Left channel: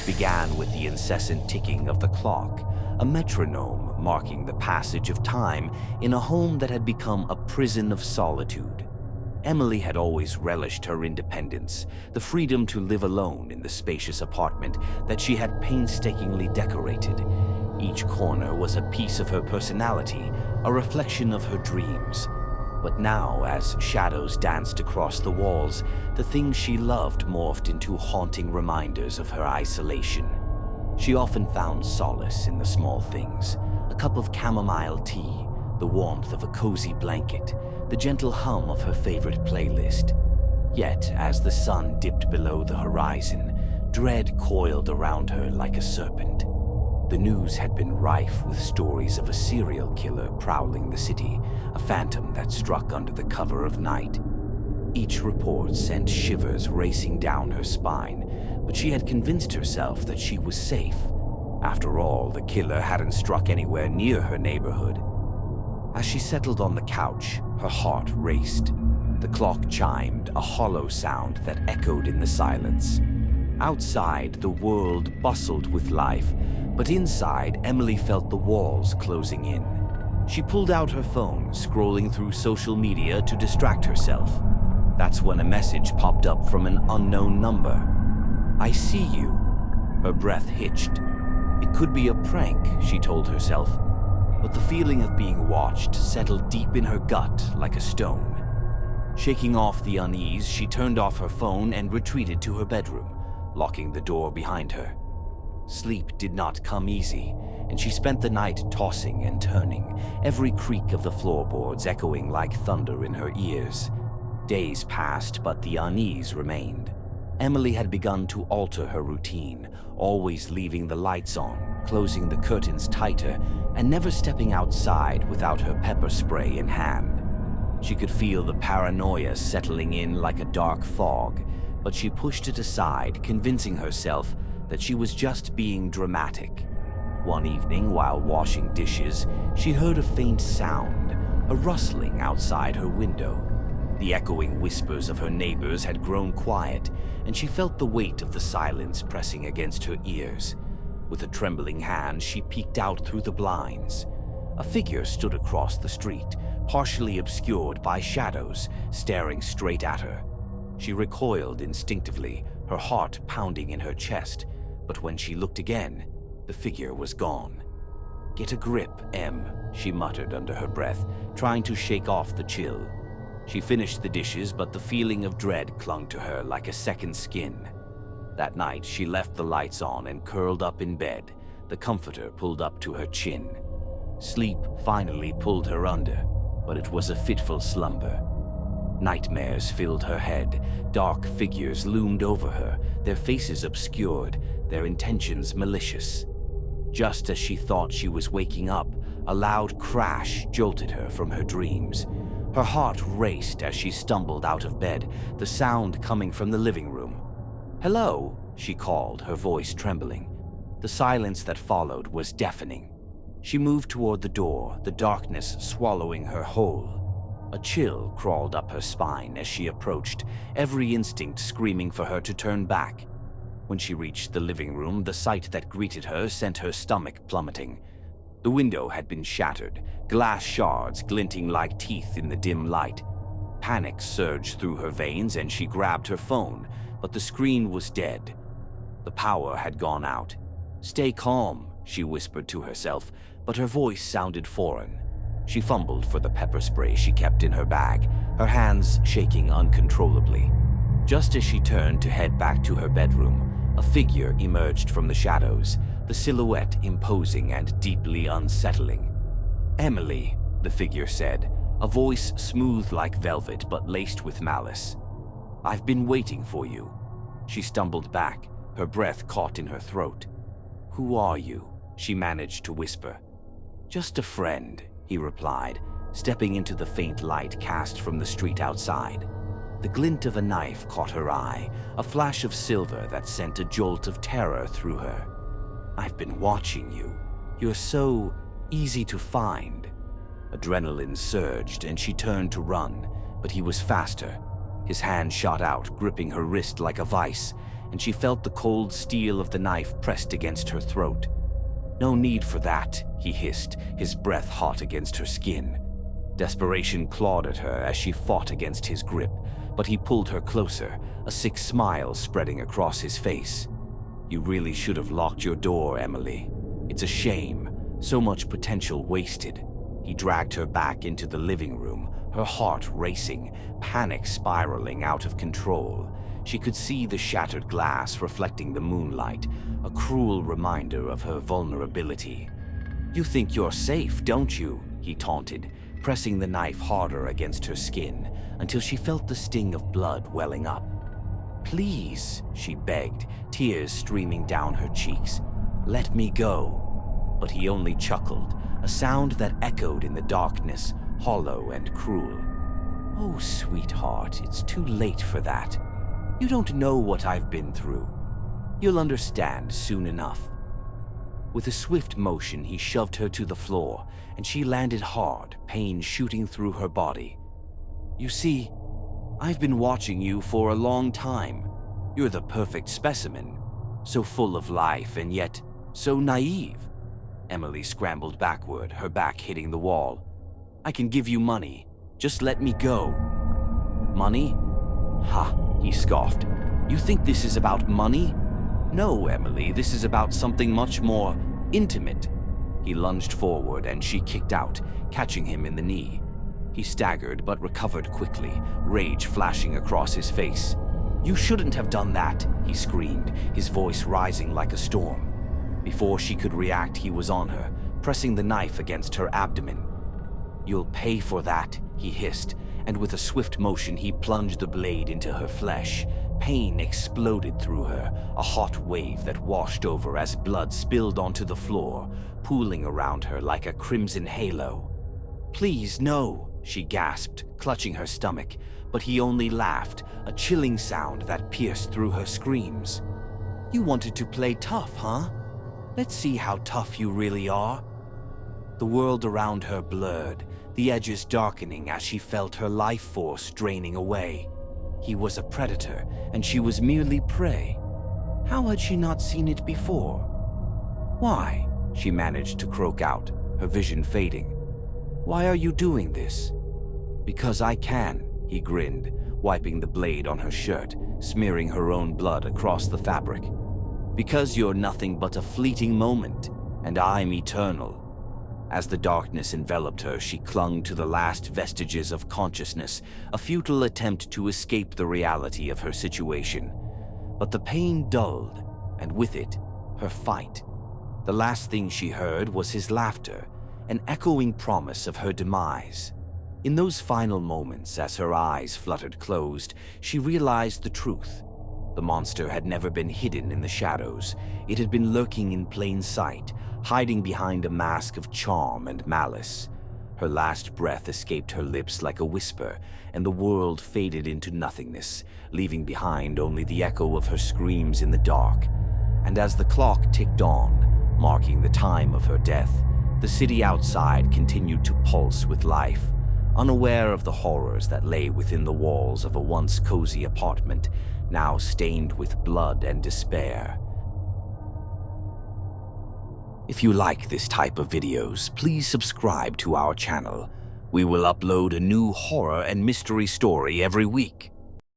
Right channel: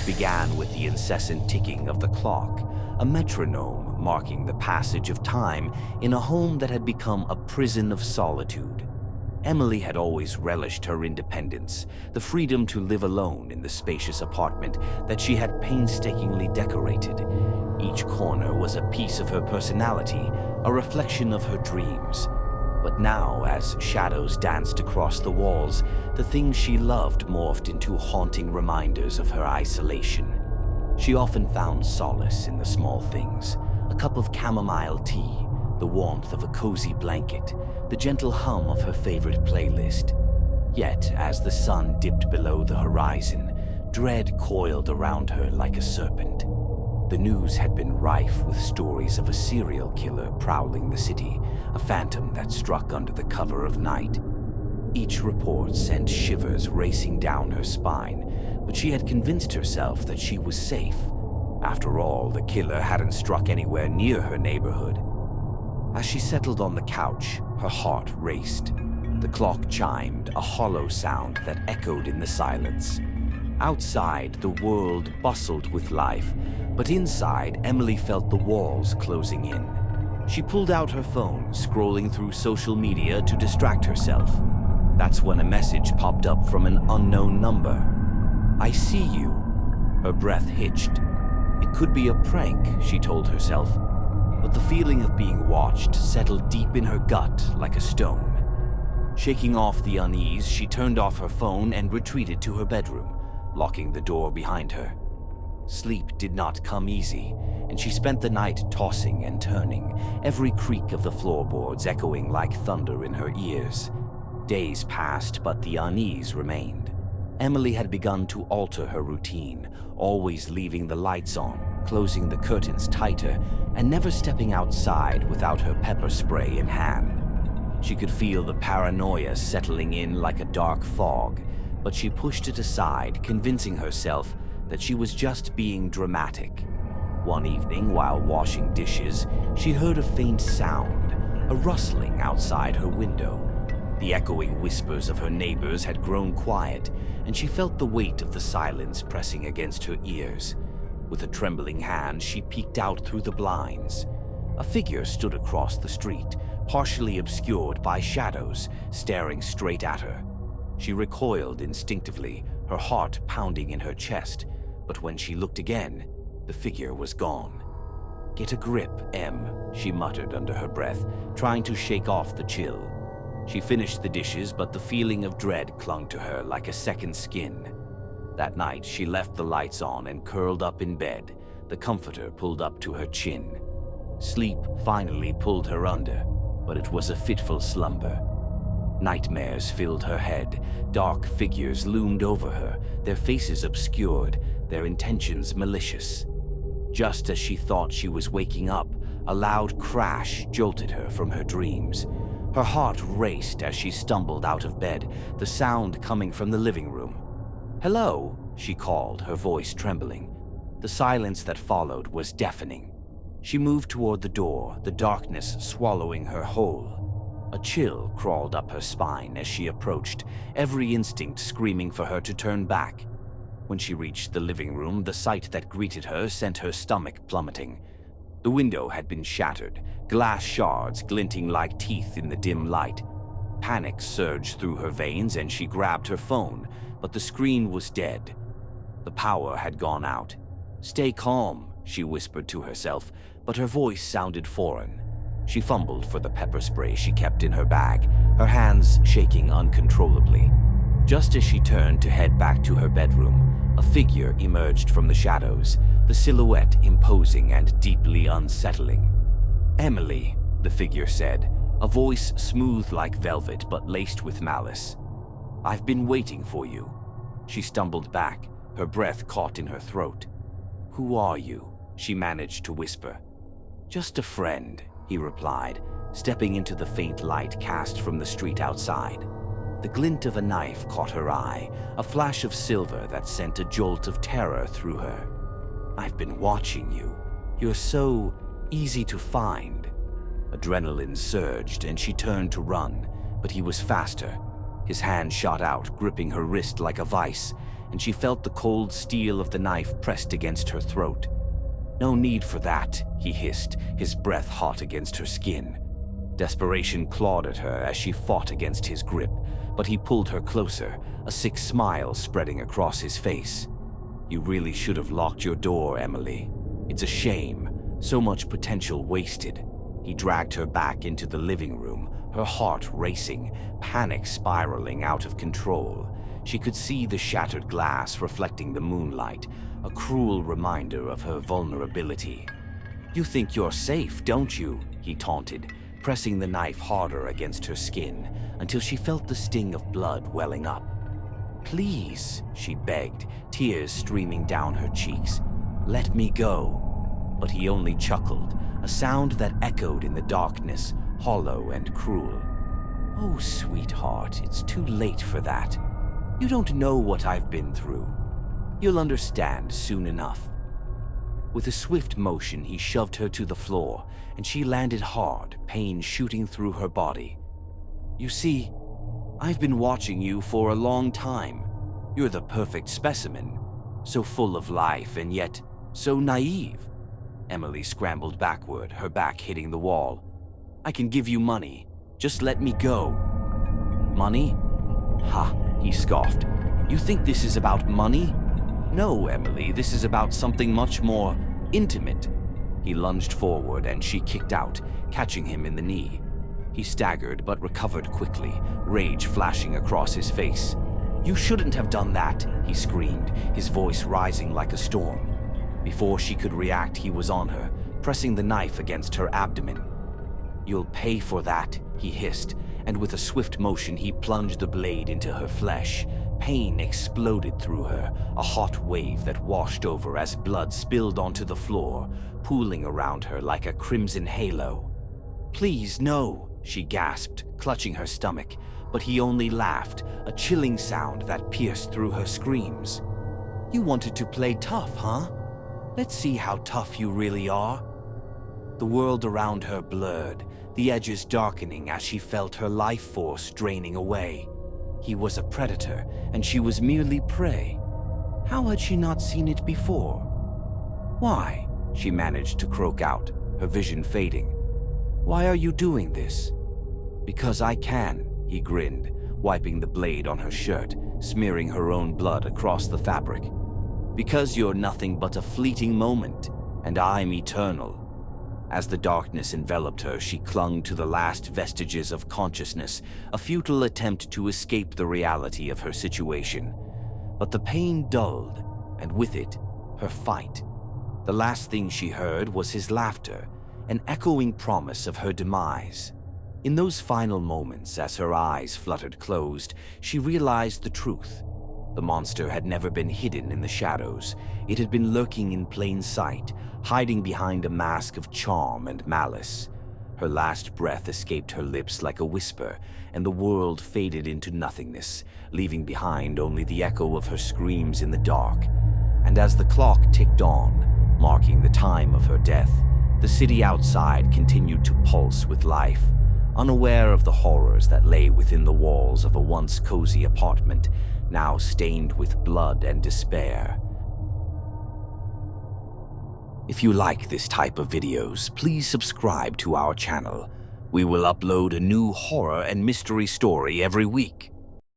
It began with the incessant ticking of the clock, a metronome marking the passage of time in a home that had become a prison of solitude. Emily had always relished her independence, the freedom to live alone in the spacious apartment that she had painstakingly decorated. Each corner was a piece of her personality, a reflection of her dreams. But now, as shadows danced across the walls, the things she loved morphed into haunting reminders of her isolation. She often found solace in the small things: a cup of chamomile tea, the warmth of a cozy blanket, the gentle hum of her favorite playlist. Yet, as the sun dipped below the horizon, dread coiled around her like a serpent. The news had been rife with stories of a serial killer prowling the city, a phantom that struck under the cover of night. Each report sent shivers racing down her spine, but she had convinced herself that she was safe. After all, the killer hadn't struck anywhere near her neighborhood. As she settled on the couch, her heart raced. The clock chimed, a hollow sound that echoed in the silence. Outside, the world bustled with life, but inside, Emily felt the walls closing in. She pulled out her phone, scrolling through social media to distract herself. That's when a message popped up from an unknown number. "I see you." Her breath hitched. It could be a prank, she told herself, but the feeling of being watched settled deep in her gut like a stone. Shaking off the unease, she turned off her phone and retreated to her bedroom, locking the door behind her. Sleep did not come easy, and she spent the night tossing and turning, every creak of the floorboards echoing like thunder in her ears. Days passed, but the unease remained. Emily had begun to alter her routine, always leaving the lights on, closing the curtains tighter, and never stepping outside without her pepper spray in hand. She could feel the paranoia settling in like a dark fog, but she pushed it aside, convincing herself that she was just being dramatic. One evening, while washing dishes, she heard a faint sound, a rustling outside her window. The echoing whispers of her neighbors had grown quiet, and she felt the weight of the silence pressing against her ears. With a trembling hand, she peeked out through the blinds. A figure stood across the street, partially obscured by shadows, staring straight at her. She recoiled instinctively, her heart pounding in her chest, but when she looked again, the figure was gone. "Get a grip, Em," she muttered under her breath, trying to shake off the chill. She finished the dishes, but the feeling of dread clung to her like a second skin. That night, she left the lights on and curled up in bed, the comforter pulled up to her chin. Sleep finally pulled her under, but it was a fitful slumber. Nightmares filled her head. Dark figures loomed over her, their faces obscured, their intentions malicious. Just as she thought she was waking up, a loud crash jolted her from her dreams. Her heart raced as she stumbled out of bed, the sound coming from the living room. "Hello," she called, her voice trembling. The silence that followed was deafening. She moved toward the door, the darkness swallowing her whole. A chill crawled up her spine as she approached, every instinct screaming for her to turn back. When she reached the living room, the sight that greeted her sent her stomach plummeting. The window had been shattered, glass shards glinting like teeth in the dim light. Panic surged through her veins and she grabbed her phone, but the screen was dead. The power had gone out. "Stay calm," she whispered to herself, but her voice sounded foreign. She fumbled for the pepper spray she kept in her bag, her hands shaking uncontrollably. Just as she turned to head back to her bedroom, a figure emerged from the shadows, the silhouette imposing and deeply unsettling. "Emily," the figure said, a voice smooth like velvet but laced with malice. "I've been waiting for you." She stumbled back, her breath caught in her throat. "Who are you?" she managed to whisper. "Just a friend," he replied, stepping into the faint light cast from the street outside. The glint of a knife caught her eye, a flash of silver that sent a jolt of terror through her. "I've been watching you. You're so easy to find." Adrenaline surged and she turned to run, but he was faster. His hand shot out, gripping her wrist like a vice, and she felt the cold steel of the knife pressed against her throat. "No need for that," he hissed, his breath hot against her skin. Desperation clawed at her as she fought against his grip, but he pulled her closer, a sick smile spreading across his face. "You really should have locked your door, Emily. It's a shame, so much potential wasted." He dragged her back into the living room, her heart racing, panic spiraling out of control. She could see the shattered glass reflecting the moonlight, a cruel reminder of her vulnerability. "You think you're safe, don't you?" he taunted, pressing the knife harder against her skin until she felt the sting of blood welling up. "Please," she begged, tears streaming down her cheeks. "Let me go." But he only chuckled, a sound that echoed in the darkness, hollow and cruel. "Oh, sweetheart, it's too late for that. You don't know what I've been through. You'll understand soon enough." With a swift motion, he shoved her to the floor, and she landed hard, pain shooting through her body. "You see, I've been watching you for a long time. You're the perfect specimen, so full of life and yet so naive." Emily scrambled backward, her back hitting the wall. "I can give you money. Just let me go." "Money? Ha," he scoffed. "You think this is about money? No, Emily, this is about something much more intimate." He lunged forward and she kicked out, catching him in the knee. He staggered but recovered quickly, rage flashing across his face. "You shouldn't have done that," he screamed, his voice rising like a storm. Before she could react, he was on her, pressing the knife against her abdomen. "You'll pay for that," he hissed, and with a swift motion he plunged the blade into her flesh. Pain exploded through her, a hot wave that washed over as blood spilled onto the floor, pooling around her like a crimson halo. "Please, no," she gasped, clutching her stomach, but he only laughed, a chilling sound that pierced through her screams. "You wanted to play tough, huh? Let's see how tough you really are." The world around her blurred, the edges darkening as she felt her life force draining away. He was a predator, and she was merely prey. How had she not seen it before? "Why?" she managed to croak out, her vision fading. "Why are you doing this?" "Because I can," he grinned, wiping the blade on her shirt, smearing her own blood across the fabric. "Because you're nothing but a fleeting moment, and I'm eternal." As the darkness enveloped her, she clung to the last vestiges of consciousness, a futile attempt to escape the reality of her situation. But the pain dulled, and with it, her fight. The last thing she heard was his laughter, an echoing promise of her demise. In those final moments, as her eyes fluttered closed, she realized the truth. The monster had never been hidden in the shadows. It had been lurking in plain sight, hiding behind a mask of charm and malice. Her last breath escaped her lips like a whisper, and the world faded into nothingness, leaving behind only the echo of her screams in the dark. And as the clock ticked on, marking the time of her death, the city outside continued to pulse with life, unaware of the horrors that lay within the walls of a once cozy apartment, now stained with blood and despair. If you like this type of videos, please subscribe to our channel. We will upload a new horror and mystery story every week.